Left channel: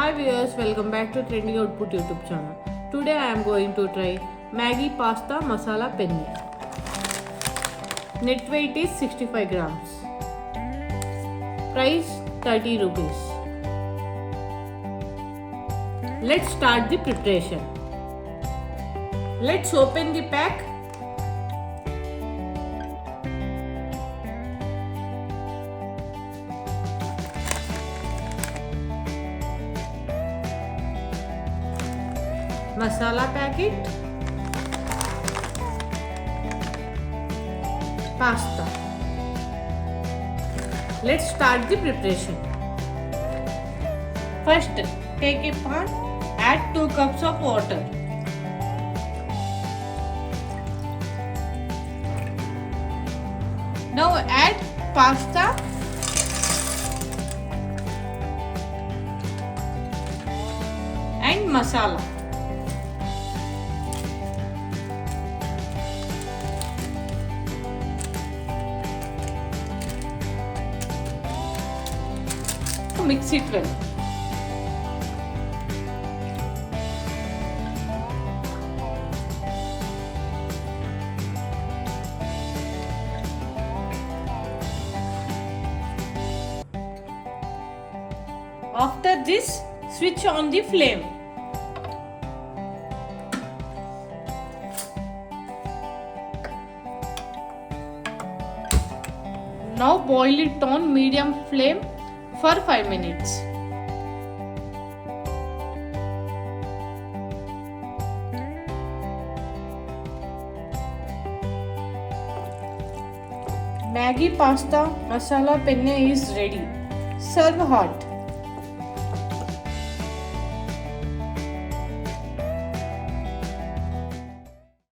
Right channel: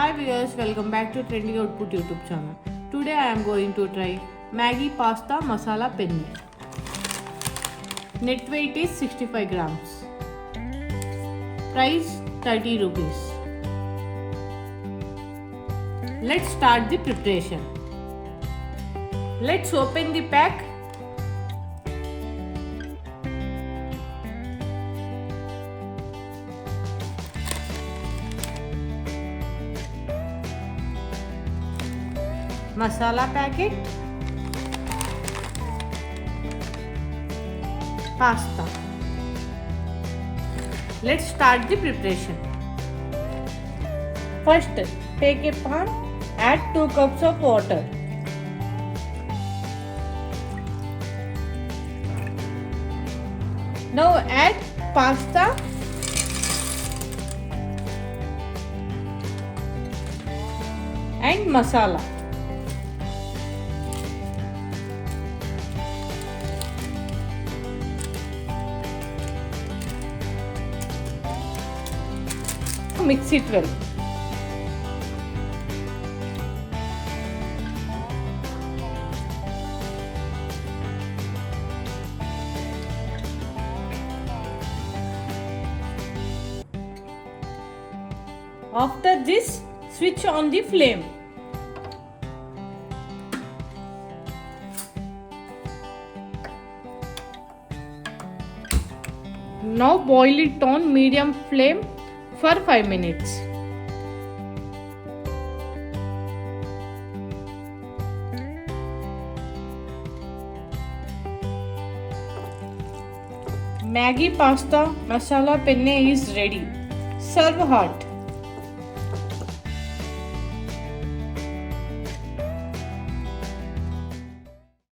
Hi viewers, welcome back to Trending Output YouTube channel. Today I am going to try Maggi Pasta Masala Penne. Net weight is 65 grams. Price 30 rupees. Let's start the preparation. Let's open the pack. Masala packet, pasta. Let's start the preparation. First, take a pan, add 2 cups of water. Now add pasta and masala. Mix it well. After this, switch on the flame. Now boil it on medium flame for 5 minutes. Maggi Pasta Masala Penne is ready. Serve hot.